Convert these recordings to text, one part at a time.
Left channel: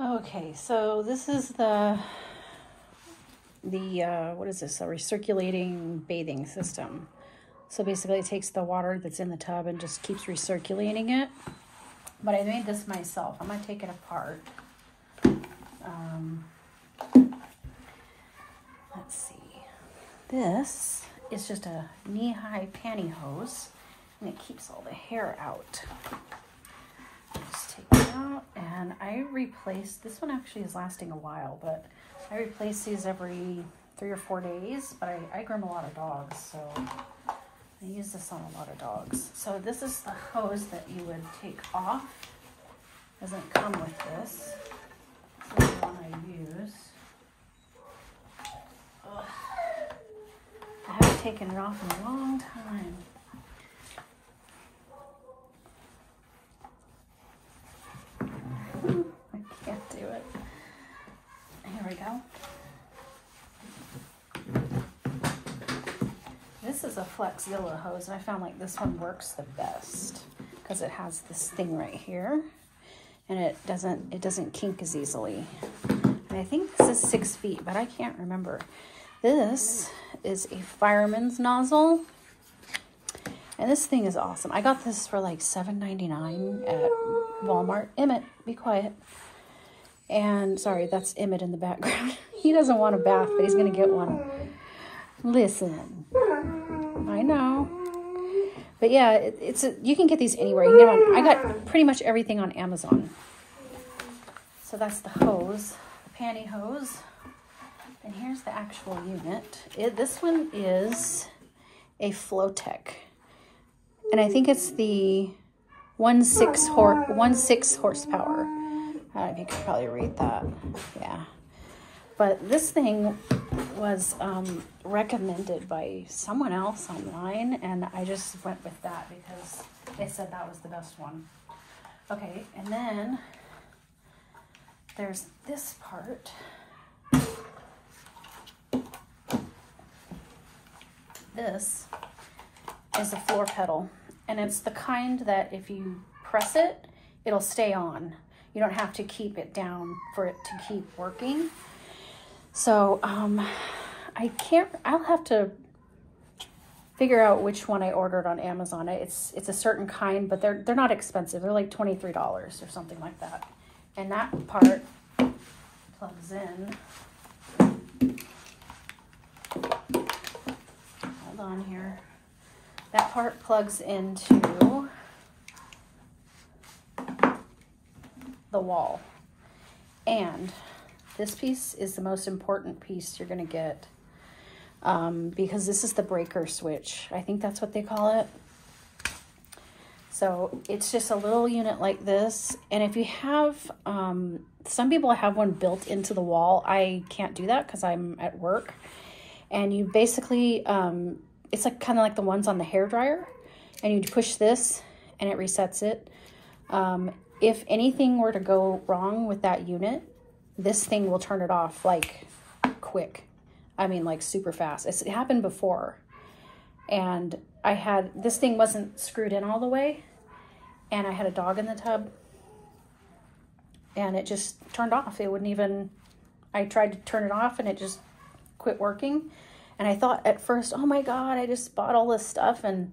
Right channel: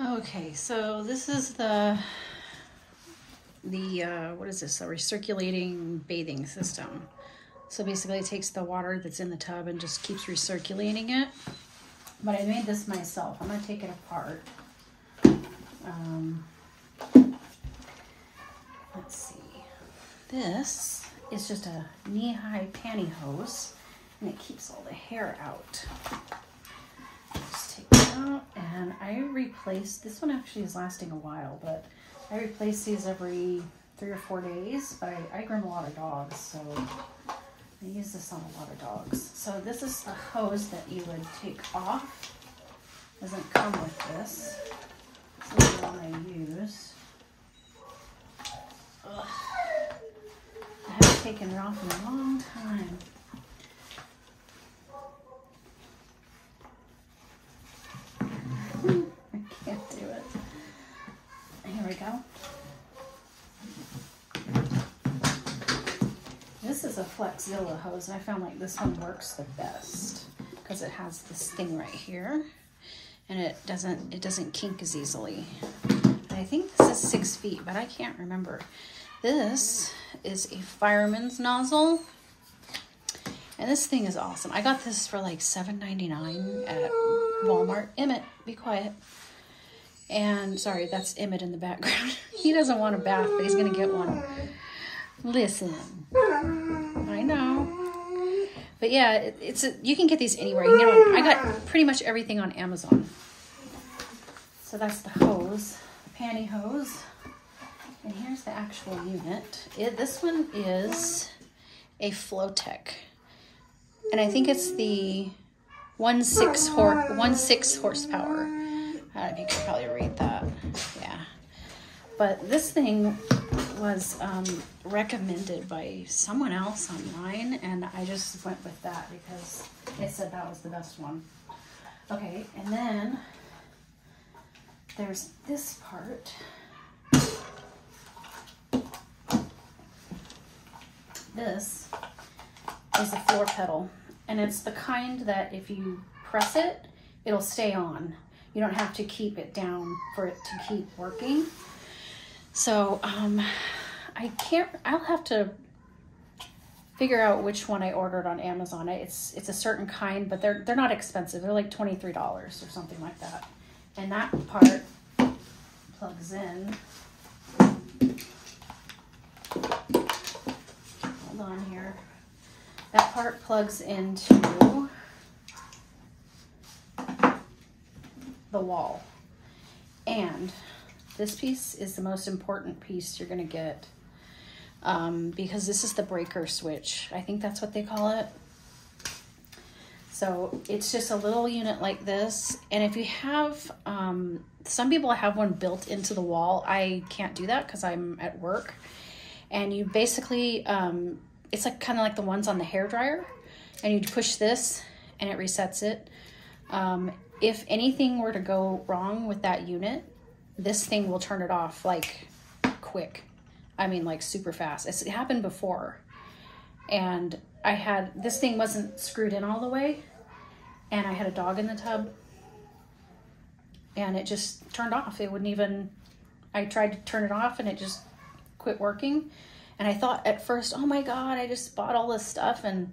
Okay, so this is the what is this? A recirculating bathing system. So basically it takes the water that's in the tub and just keeps recirculating it. But I made this myself. I'm gonna take it apart. Let's see. This is just a knee-high pantyhose, and it keeps all the hair out. Just take it out, and I replace, this one actually is lasting a while, but I replace these every 3 or 4 days, but I groom a lot of dogs, so I use this on a lot of dogs. So this is a hose that you would take off. Doesn't come with this. This is the one I use. Ugh. I haven't taken it off in a long time. I can't do it. Here we go. This is a Flexzilla hose. I found like this one works the best because it has this thing right here, and it doesn't kink as easily. And I think this is 6 feet, but I can't remember. This is a fireman's nozzle, and this thing is awesome. I got this for like $7.99 at Walmart. Emmett, be quiet. And sorry, that's Emmett in the background. He doesn't want a bath, but he's gonna get one. Listen, I know. But yeah, you can get these anywhere. You know, I got pretty much everything on Amazon. So that's the hose, pantyhose. And here's the actual unit. This one is a Flowtech. And I think it's the 1.6 horsepower. I don't know if you can probably read that. Yeah. But this thing was recommended by someone else online, and I just went with that because they said that was the best one. Okay, and then there's this part. This is a floor pedal, and it's the kind that if you press it, it'll stay on. You don't have to keep it down for it to keep working. So I'll have to figure out which one I ordered on Amazon. It's a certain kind, but they're not expensive. They're like $23 or something like that. And that part plugs in. Hold on here. That part plugs into the wall. And this piece is the most important piece you're gonna get because this is the breaker switch. I think that's what they call it. So it's just a little unit like this. And if you have, some people have one built into the wall. I can't do that because I'm at work. And you basically, it's like kind of like the ones on the hairdryer. And you push this and it resets it. If anything were to go wrong with that unit, this thing will turn it off like quick. I mean, like super fast. It happened before. And this thing wasn't screwed in all the way. And I had a dog in the tub. And it just turned off. It wouldn't even, I tried to turn it off and it just quit working. And I thought at first, oh my God, I just bought all this stuff. And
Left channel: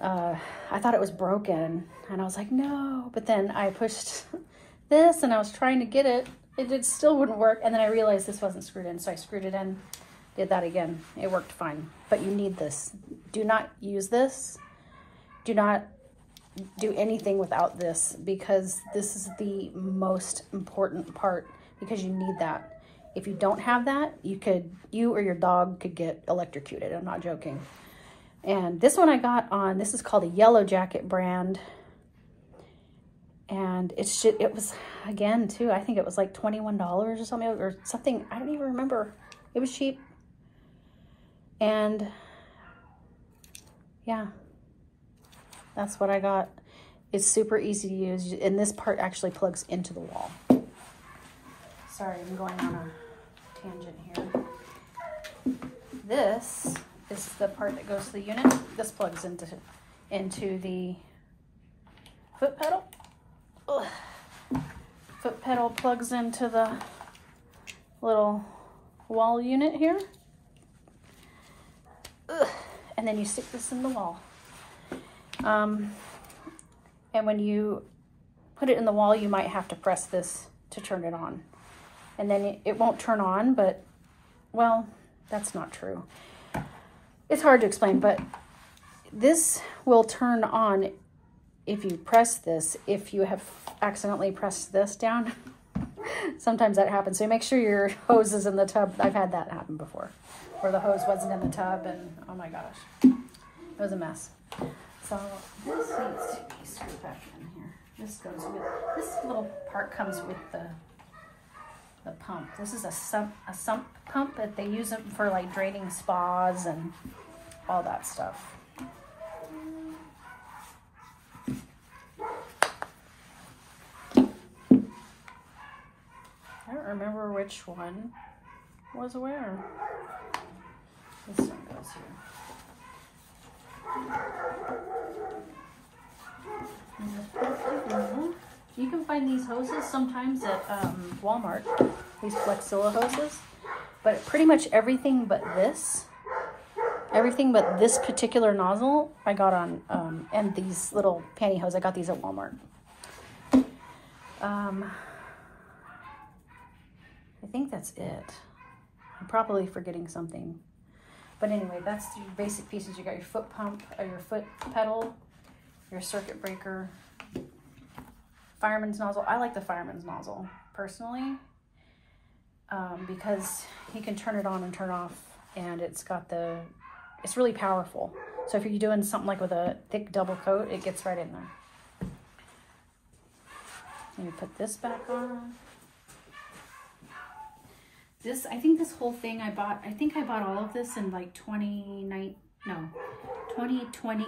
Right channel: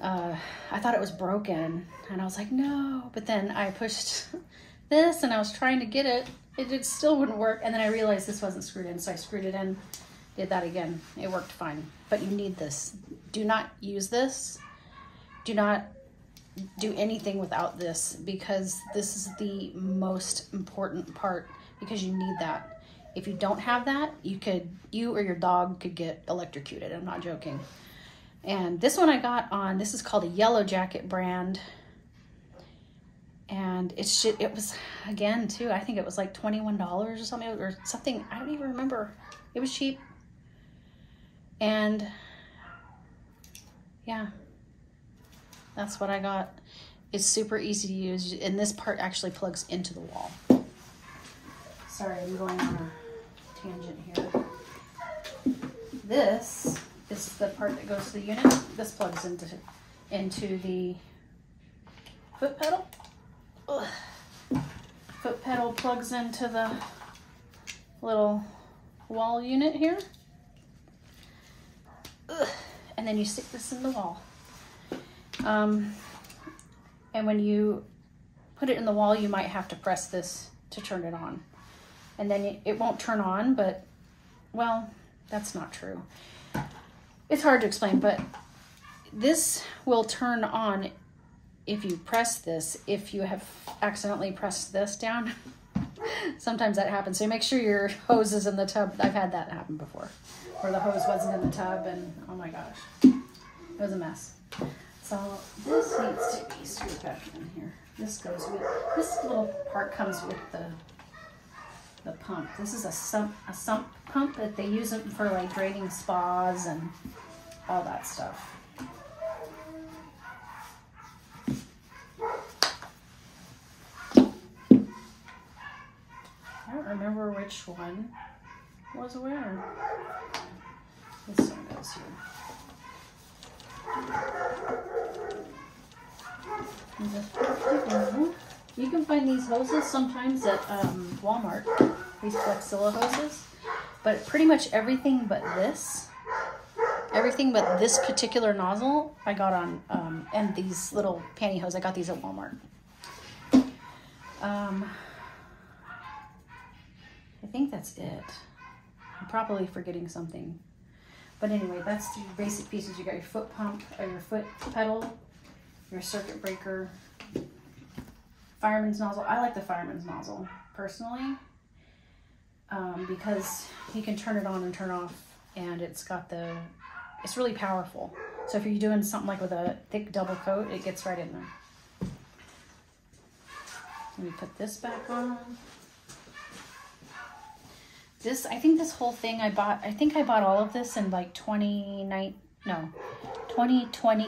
I thought it was broken. And I was like, no. But then I pushed this and I was trying to get it. It still wouldn't work. And then I realized this wasn't screwed in. So I screwed it in, did that again. It worked fine. But you need this. Do not use this. Do not do anything without this, because this is the most important part, because you need that. If you don't have that, you or your dog could get electrocuted. I'm not joking. And this one I got on, this is called a Yellow Jacket brand. And it was, again, too, I think it was like $21 or something. I don't even remember. It was cheap. And yeah, that's what I got. It's super easy to use. And this part actually plugs into the wall. Sorry, I'm going on a tangent here. This is the part that goes to the unit. This plugs into the foot pedal. Ugh. Foot pedal. pedal plugs into the little wall unit here. Ugh. And then you stick this in the wall. And when you put it in the wall, you might have to press this to turn it on. And then it won't turn on, but, well, that's not true. It's hard to explain, but this will turn on if you press this. If you have accidentally pressed this down, sometimes that happens. So make sure your hose is in the tub. I've had that happen before, where the hose wasn't in the tub, and oh my gosh, it was a mess. So this needs to be screwed back in here. This goes with, this little part comes with the pump. This is a sump pump that they use it for like draining spas and all that stuff. I don't remember which one was where. This one goes here. You can find these hoses sometimes at Walmart, these Flexilla hoses, but pretty much everything but this particular nozzle I got on, and these little pantyhose, I got these at Walmart. I think that's it. I'm probably forgetting something. But anyway, that's the basic pieces. You got your foot pump, or your foot pedal, your circuit breaker, fireman's nozzle. I like the fireman's nozzle, personally, because you can turn it on and turn off, and it's really powerful. So if you're doing something like with a thick double coat, it gets right in there. And you put this back on. This, I think this whole thing I think I bought all of this in like 2020,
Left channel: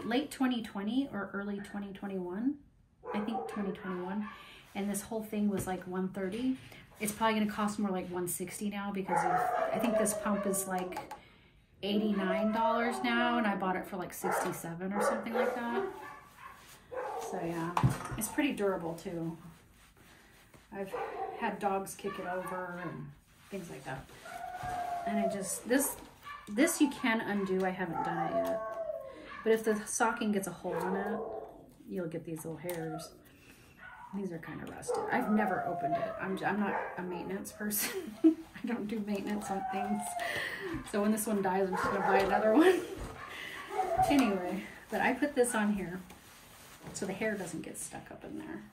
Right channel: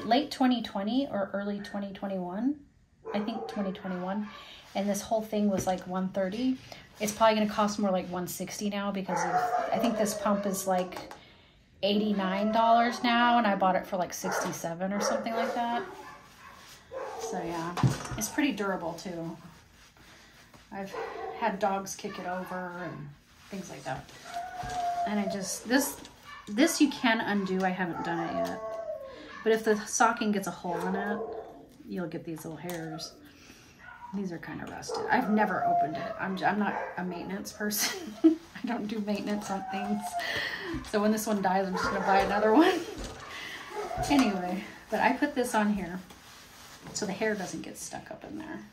late 2020 or early 2021. I think 2021. And this whole thing was like $130. It's probably gonna cost more like $160 now, because I think this pump is like $89 now, and I bought it for like $67 or something like that. So yeah, it's pretty durable too. I've had dogs kick it over and things like that. And I just, this you can undo. I haven't done it yet. But if the stocking gets a hole in it, you'll get these little hairs. These are kind of rusted. I've never opened it. I'm not a maintenance person. I don't do maintenance on things. So when this one dies, I'm just gonna buy another one. Anyway, but I put this on here so the hair doesn't get stuck up in there,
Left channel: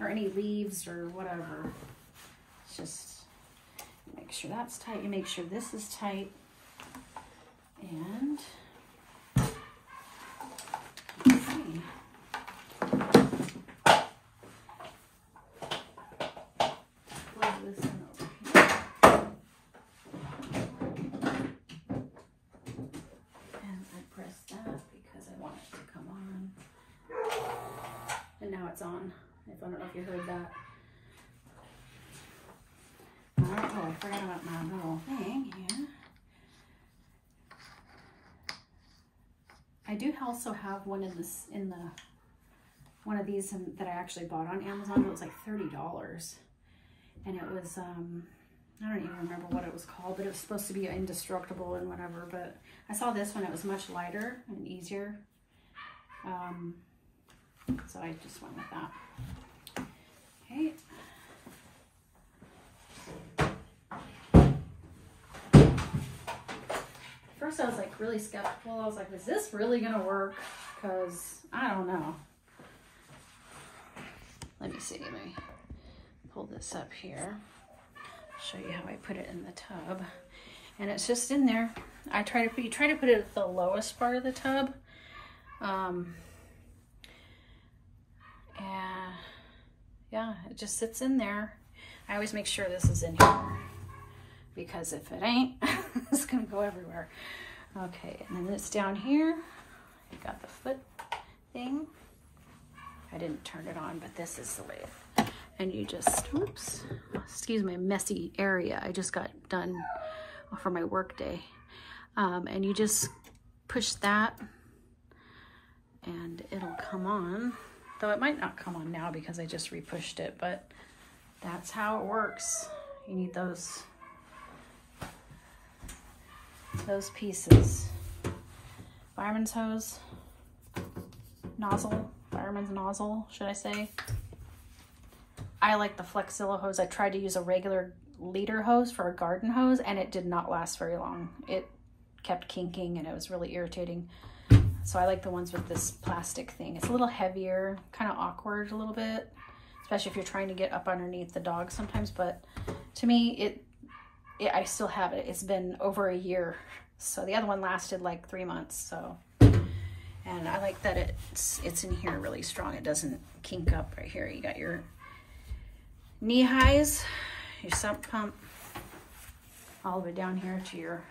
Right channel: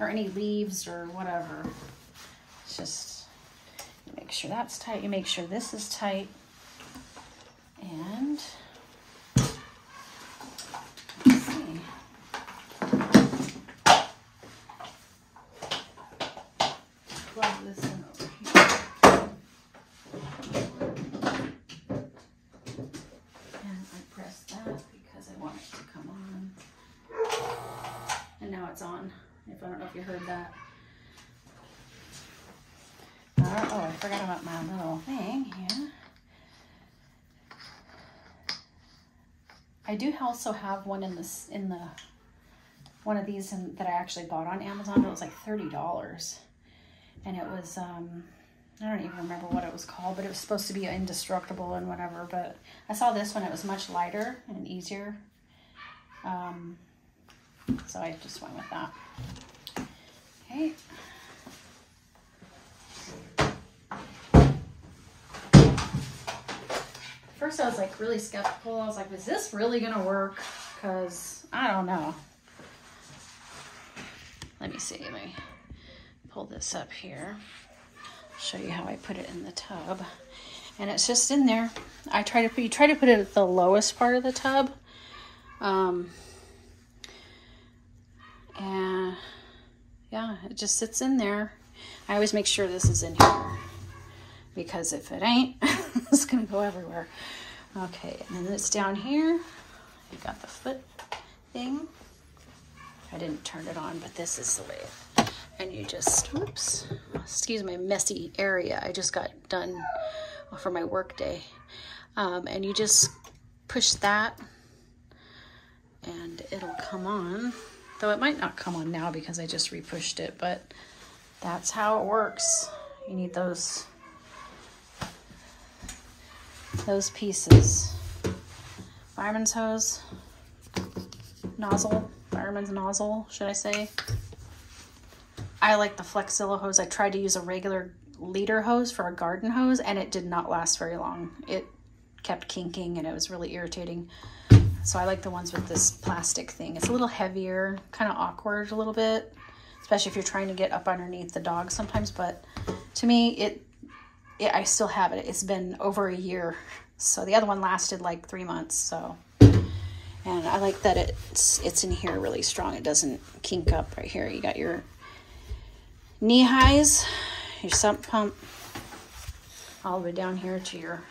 or any leaves or whatever. It's just, you make sure that's tight. You make sure this is tight. And let's see. Plug this in over here. And I press that because I want it to come on. And now it's on. I don't know if you heard that. Oh, I forgot about my little thing here. I do also have one one of these that I actually bought on Amazon. It was like $30, and it was I don't even remember what it was called, but it was supposed to be indestructible and whatever. But I saw this one; it was much lighter and easier, so I just went with that. Okay. First I was like really skeptical. I was like, is this really gonna work? Because I don't know. Let me see, let me pull this up here. Show you how I put it in the tub. And it's just in there. You try to put it at the lowest part of the tub. And yeah, it just sits in there. I always make sure this is in here, because if it ain't, it's gonna go everywhere. Okay, and then it's down here. You got the foot thing. I didn't turn it on, but this is the way and you just, whoops, excuse my messy area. I just got done for my work day. And you just push that and it'll come on. Though it might not come on now because I just re-pushed it, but that's how it works. You need those pieces. Fireman's hose, nozzle, fireman's nozzle, should I say. I like the Flexzilla hose. I tried to use a regular liter hose for a garden hose, and it did not last very long. It kept kinking, and it was really irritating. So I like the ones with this plastic thing. It's a little heavier, kind of awkward a little bit, especially if you're trying to get up underneath the dog sometimes. But to me, I still have it. It's been over a year. So the other one lasted like 3 months. So, and I like that it's in here really strong. It doesn't kink up right here. You got your knee highs, your sump pump, all the way down here to your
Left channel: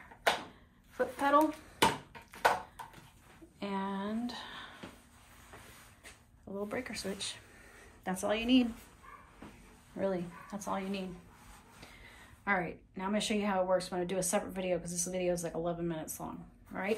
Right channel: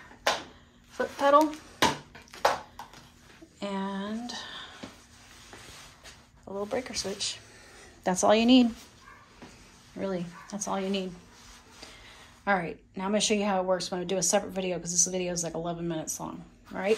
foot pedal, and a little breaker switch. That's all you need. Really, that's all you need. All right, now I'm gonna show you how it works. I'm gonna do a separate video because this video is like 11 minutes long. All right.